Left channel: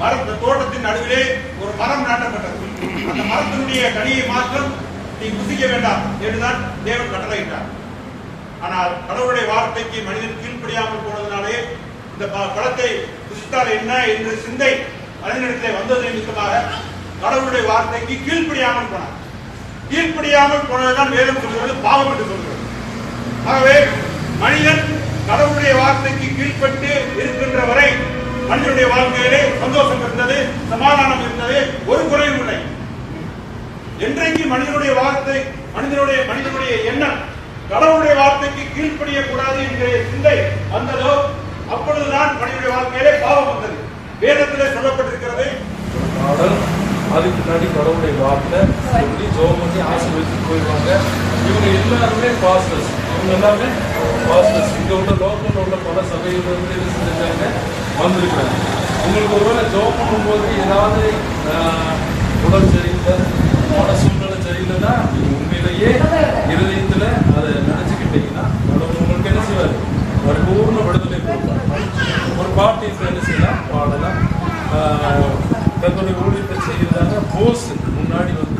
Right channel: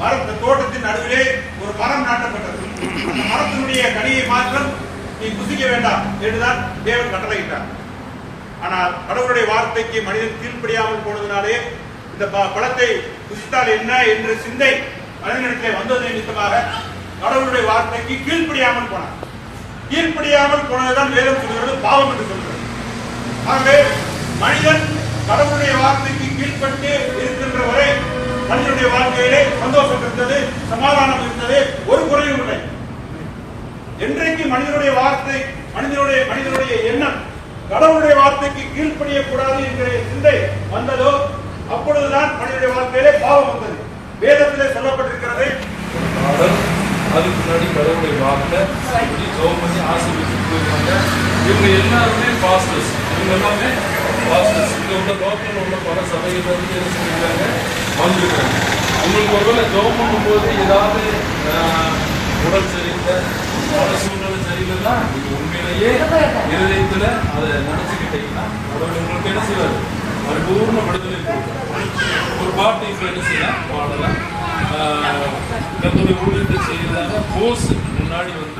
மரத்த தோட்டத்தின் நடுவிலே ஒரு மரம் நாட்டப்பட்டது. அந்த மரத்தினுடைய கனியை மாத்திரம் நீ புசிக்க வேண்டாம் என்றுதான் தேவன் கட்டளையிட்டார். ஆனால் கடவுளுடைய வார்த்தைக்கு மனிதன் கீழ்ப்படியாமல் போனதினாலே இந்த பழத்தை புசித்தால் என்ன என்ற சிந்தை மனிதனிடத்திலே வந்தது நிமித்தமாக கடவுளுடைய வார்த்தைக்கு கீழ்ப்படியாமல் போனார். கீழ்ப்படியாமல் போனதுதான் வேதம் சொல்கிறது பாவம் என்று சொல்கிறது. ஆகவே மனிதன் கடவுளுடைய வார்த்தைக்கு கீழ்ப்பட்டு இருக்கின்ற வரை மனிதனுடைய வாழ்க்கையிலே சந்தோஷம் இருந்தது, சமாதானம் இருந்தது, ஒரு குறையும் இல்லை. என்றைக்கு மனிதனுடைய வார்த்தை மனிதனுடைய எண்ணம் கடவுளுடைய வார்த்தைக்கு கீழ்ப்படியக்கூடாது என்ற சிந்தை வந்ததோ அப்பொழுதுதான் மனிதனுடைய வாழ்க்கையிலே பாவம் வந்தது. வேதத்திலே சொல்லப்பட்டிருக்கிறது. அதுக்கு முன்னாடி கடவுளுடைய வார்த்தை எப்படி ஜெபம் பண்ணி ஆசீர்வதிச்சு போயிருக்காங்க. இவங்க எல்லாருமே பாஸ்டர்ஸ், இவங்க எல்லாமே பாஸ்டர்ஸ். இங்க உள்ள லோக்கல் உள்ள பல சபைகள் வந்து என்ன செஞ்சிருக்காங்க, வந்திருக்கிறாங்க. உங்களுக்கு ஒருவேளை ஜெபம் பண்ணும்போது ஏதாவது உடல் சரியில்லை, மன சூழ்நிலை சரியில்லைன்னா நீங்க உண்மையிலேயே இருதயத்துல அதை நினைச்சுக்கிட்டீங்கன்னா கடவுள் உங்களுக்கு என்ன செய்வார், பரிபூர்ண விடுதலை கொடுப்பார். ஒரு பாட்டு இப்ப என்ன செய்யலாம், பாடலாம். தன்னுடைய ஊழியத்தை செய்யறதாக போஸ் முன்னாடி வந்து